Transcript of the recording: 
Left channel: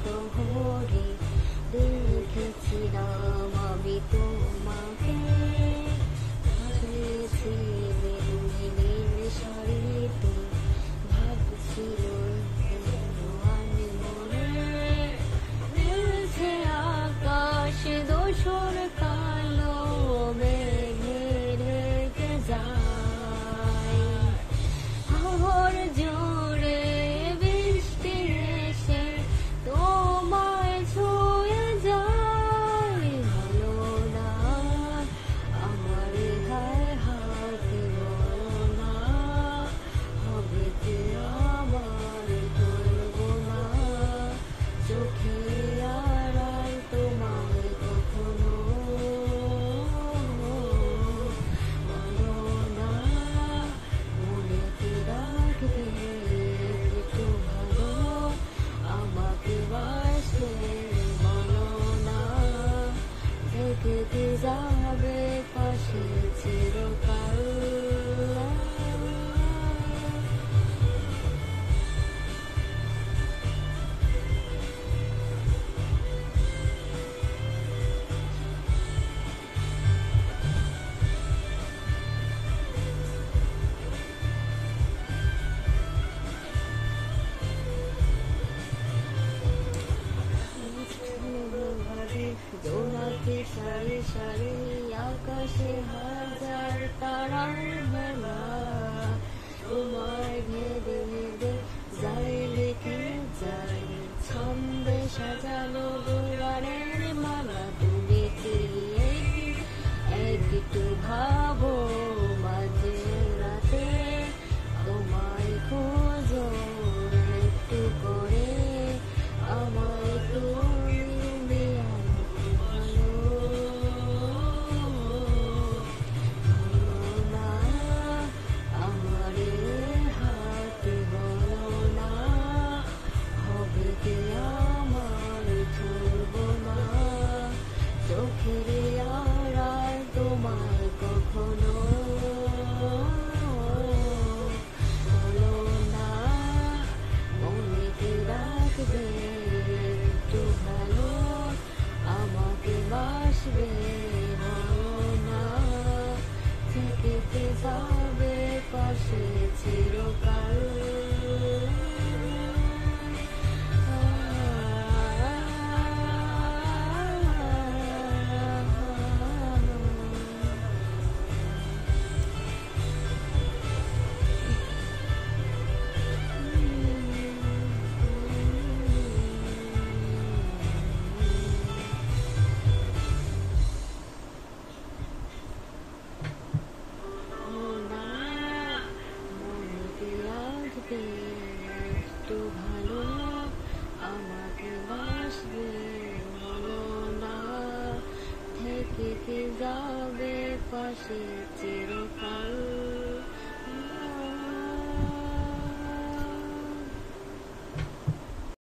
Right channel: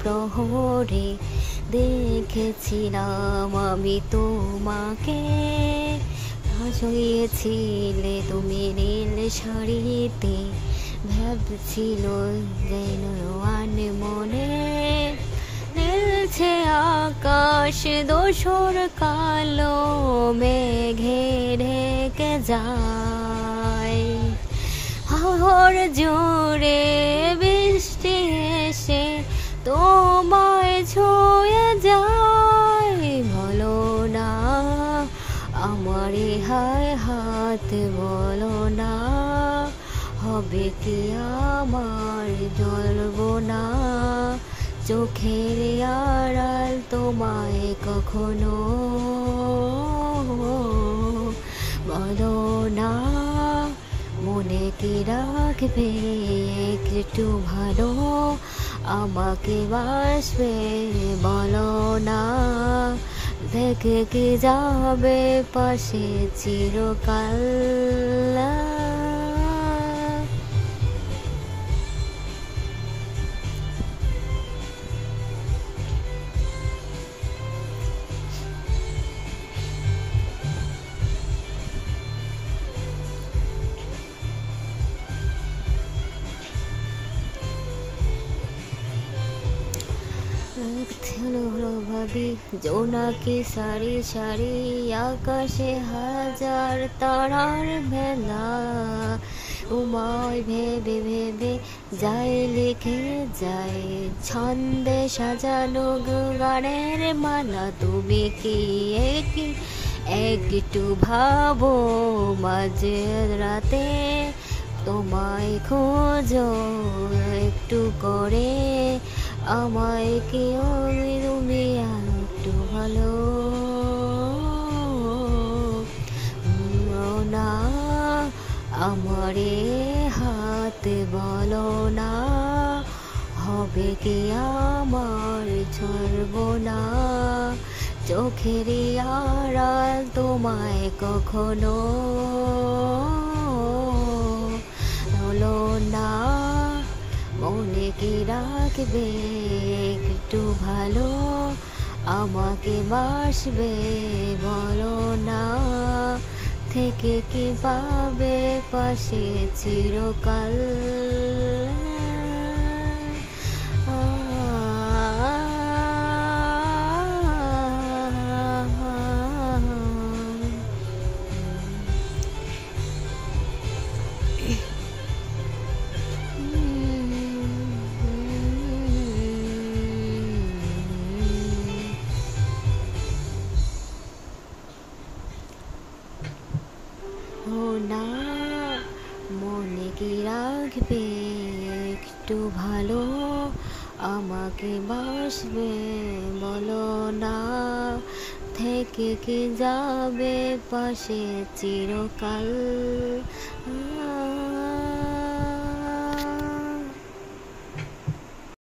প্রহরে দেখেছিলাম আমি তোমাকে, সাজিয়েছিলে তুমি নীল শাড়িতে, ভাবছিল যেন মনে নীলছে আকাশ দোসর কালো মেঘে ঢেকে যায়। হাওয়ার জোরে বৃষ্টি এসে তোমায় ছুঁয়ে যায়। বলো না আমার হায় হাত, বলো না হবে কি আমার, ধরবো না চোখের আড়াল তোমায় কখনো। বলো না মনে কি রাখবে একটু ভালো, আমাকে বাসবে বলো না, দেখে কি যাবে পাশে চিরকাল। ভাবি জোনাকি সারি সারি আকাশে হাজার তারার মেলা, তোমায় ভেবে ভেবে যাই লিখে যায় ছন্দে সাজানো গানের মালা। তুমি কি একটু ভাবো মাঝে রাতে তোমায় খোঁজো একটু করে, আমায় কি তুমি একটু ভালো। বলো না আমার হাতে, বলো না হবে কি আমার, ছাড়বো না চোখের আড়াল তোমায় কখনো। বলো না মনে কি রাখবে একটু ভালো, আমাকে বাসবে বলো না, থেকে কি পাবে পাশে চিরকাল। না মনে কি রাখবে একটু ভালো, আমাকে বাসবে বলো না, থেকে কি যাবে পাশে চিরকাল।